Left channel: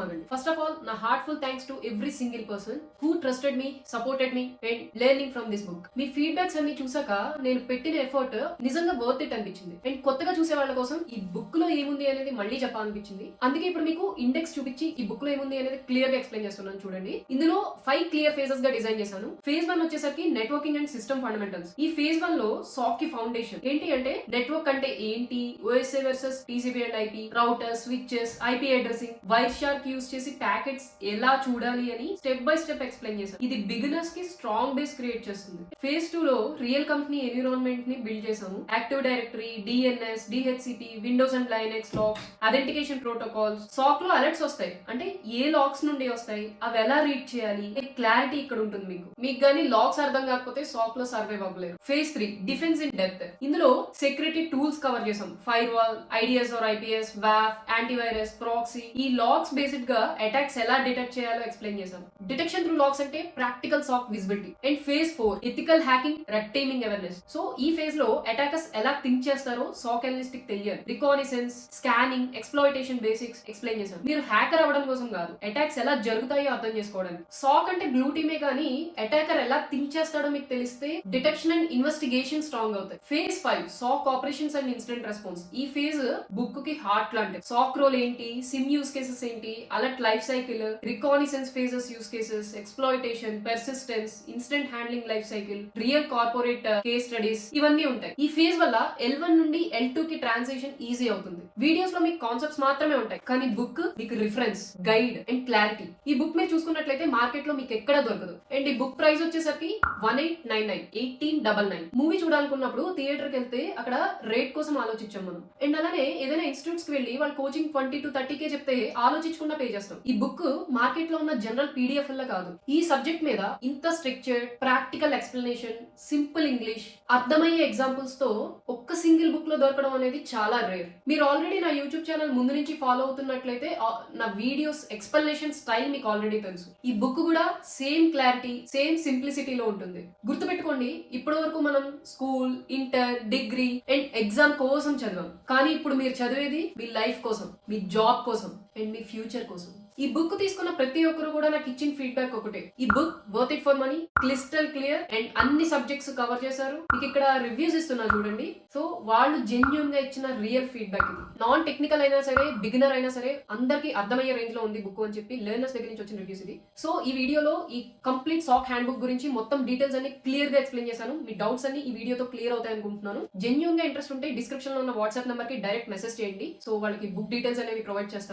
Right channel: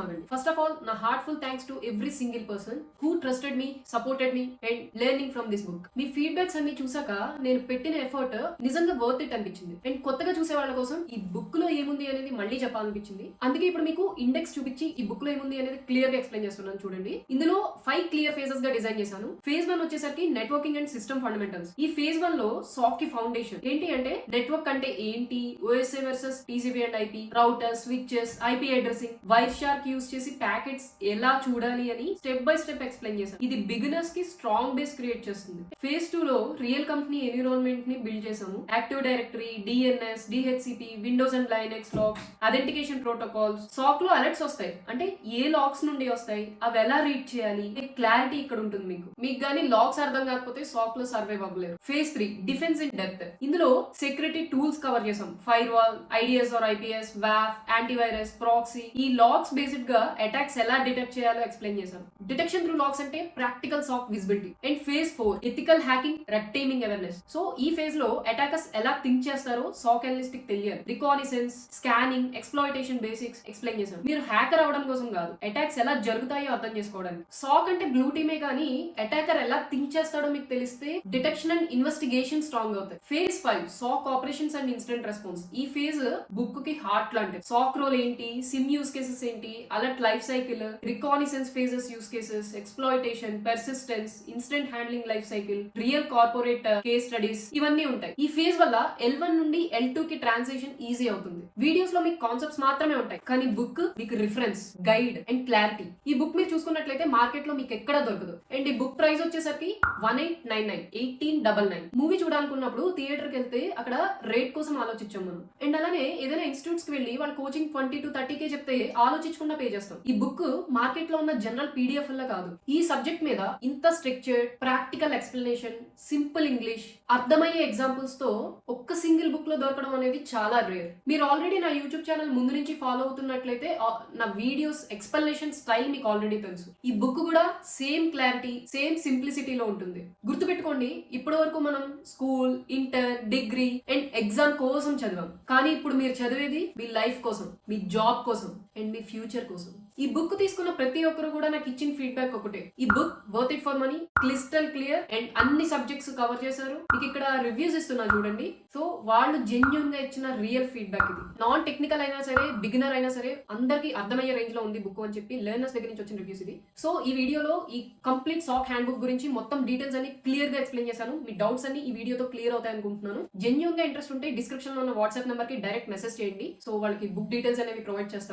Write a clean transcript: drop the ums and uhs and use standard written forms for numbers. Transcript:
మాగండి. First of all నా heartful thanks to every single person who trusted me, supported me and learning from this book. Me feedbacks అన్ని చూసాక నేను పెట్టిన effort నిజంగా worth it అనిపించింది. And కొత్తగా చూసే వాళ్ళ కోసం ఈ బుక్ లో ఏముంది అనేది మళ్ళీ చెప్పాలనిపించింది. అందుకే ఇప్పుడు మీకు ఇండెక్స్ చూపించి ఈ బుక్ లో ఏముంది అనేది క్లియర్ గా ఎక్స్ప్లెయిన్ చేస్తున్నాను చూడండి. ఇందులో 5 క్లియర్ ఫేజెస్ గా డిజైన్ చేశాను. ఫేజ్ 1 వచ్చేసరికి నెట్వర్కింగ్ అండ్ సిస్టమ్ ఫండమెంటల్స్. ఈ ఫేజ్ 1 లో సాక్ కి ఫౌండేషన్ ఏంటి అంటే నెట్వర్క్ అంటే ఏంటి, OSA versus TCP and IP, router, switches, IP addressing, wire shark use చేసి ప్యాకెట్స్ ఎలా చూడాలి అని స్టెప్ బై స్టెప్ ఎక్స్ప్లెయిన్ చేశాను. ఇది బిగినర్స్ కి స్ట్రాంగ్ బేస్ క్రియేట్ చేస్తుంది. ఫేజ్ 2 లో రియల్ కంపెనీ ఎన్విరాన్మెంట్ ని బిల్డ్ చేసాము. Active directory, DNS, DHCP, Windows and Linux logs, authentication protocols. SOC లో అలర్ట్స్ వస్తాయి అంటే ఏ లాక్స్ నుండి వస్తాయి, అవి ఎలా రీడ్ చేయాలి, క్లారిటీ ఇక్కడ ఉంటుంది. మీకు కానీ లాక్స్ అర్థం కాకపోతే సాక్ లో సర్వైవ్ అవ్వలేరు. Phase 3 defence in depth. ఇందులో సెక్యూరిటీ టూల్స్ కవర్ చేసాం. Firewall, IDS or IPS, వాఫ్, యాంటీవైరస్, ప్రాక్సీ. ఈ లాక్స్ బేసిక్ గా అటాక్స్ ఎలా డిటెక్ట్ చేయాలో ఎక్స్ప్లెయిన్ చేసాం. డిటెక్షన్ త్రూ లాక్స్ అంటే practical SOC visibility. And phase 4 ethical hacking, red teaming awareness. So ఈ ఫేజ్ లో అటాకర్స్ ఎలా థింక్ చేస్తారో సాక్ అనలిస్ట్ కి తెలియాలి. Reconnaissance, scanning, exploitation basics explain చేసాం. మీరు హ్యాకర్ అవ్వడం కోసం కాదు, అటాక్స్ ఎలా జరుగుతాయో అర్థం చేసుకోవడానికి. సాక్ అంటే బ్లూ టీమే కానీ అటాకర్ ఎలా థింక్ చేస్తాడో మీకు తెలిస్తే డిటెక్షన్ అండ్ ఇన్వెస్టిగేషన్ స్ట్రాంగ్ అవుతాయి. Phase 5 SOC operations and incident response. ఈ ఫేజ్ బుక్ కి హార్ట్ లాంటిది. సాక్ రోల్ ఏంటి, సిమ్ యూస్ కేసెస్ ఏంటి, alert life cycle, reconnaissance phases use cases, exploitation, persistence, incident handling life cycle, real corporate case studies ఇవన్నీ ఉంటాయి. ఈ phase వల్ల L1 నుండి L2 కి ట్రాన్సిషన్ ఈజీ అవుతుంది. వీడియోస్ లో మీకు కాన్సెప్ట్స్ మాత్రమే ఉంటాయి కానీ బుక్ మీకు రిఫరెన్స్, గైడ్ అండ్ క్లారిటీ. ఈ బుక్ మీరు చూసుకున్నట్లయితే మార్కెట్ లో మీకు ఎక్కడ దొరకదు. అండ్ ఈ బుక్ ప్రైస్ వచ్చేసరికి 1899 మూవీ చూడాలనుకున్నప్పుడు థియేటర్ కి వెళ్తే అక్కడ రేట్ కోసం ఆలోచించాం మనం. అండ్ అలానే ఏదైనా ఇన్స్టిట్యూట్స్ కి వెళ్ళి వాళ్ళు కోచింగ్ 20 to 30K చెప్తే ఆలోచించకుండా పే చేస్తాం. ఈ బుక్ మార్కెట్ లో ఉన్న జనరల్ పీడిఎఫ్ లా కాదు. ఈ సబ్జెక్ట్ మీద ఇంత structure, practical explanation, simple English, అర్థమయ్యే ఎగ్జాంపుల్స్ తో ఒక్క సింగిల్ బుక్ లో దొరకడం అనేది చాలా రేర్. మీరు ఆల్రెడీ నా యూట్యూబ్ ఛానల్ ముందు నుంచి ఫాలో అవుతున్నట్లయితే నా వీడియోస్ ఎక్స్ప్లెనేషన్ స్టైల్ మీకు ఆల్రెడీ తెలుసు. ఈ బుక్ కూడా సేమ్ క్లారిటీ, సేమ్ సింప్లిసిటీలో ఉంటుంది. గుర్తుపెట్టుకోండి, ఇప్పటి వరకు మనం school, inter, degree and exam కోసం చదివాం. కానీ ఇప్పుడు మీరు చదివేది మీ లైఫ్ కోసం, మీ జాబ్ కోసం అండ్ మీ ఫ్యూచర్ కోసం. ఈ బుక్ తీసుకున్న ప్రతి ఒక్కరు కూడా నాకు ఇచ్చిన ఫీడ్బ్యాక్ ఒకటే, ఈ book worth it for money, crystal clear and అన్ని సబ్జెక్ట్స్ కవర్ చేశారు. మీకు ఇక్కడ రివ్యూస్ ఇస్తున్నా చూడండి. సో వాళ్ళు జెన్యూన్ గా ఇచ్చిన రియల్ ఫీడ్బ్యాక్ ఇది. నాన్ టెక్నికల్ అయినా సరే, బిగినర్ అయినా సరే అందరికి అర్థమయ్యే రేంజ్ లో ఉంది బుక్ అని చెప్పి లెర్నర్స్ దగ్గర నుంచి వచ్చిన రివ్యూస్ ఇది. సో ఈ వీడియోలో ఈ కంప్లీట్ సాక్ హ్యాండ్ బుక్ గురించి మొత్తం డీటెయిల్స్ అన్ని క్లియర్ గా ఎక్స్ప్లెయిన్ చేశాను. మీ డౌట్స్ అన్ని ఈ వీడియోతో క్లియర్ అవుతాయి అనుకుంటున్నాను. జెన్యూన్ గా ఇంట్రెస్ట్ ఉంటే డిస్క్రిప్షన్ లో ఉన్న వాట్సాప్ నెంబర్ కి డైరెక్ట్ మెసేజ్ చేయండి. సో వాళ్ళకి బుక్ డీటెయిల్స్ అనేవి ప్రొవైడ్ చేస్తాను.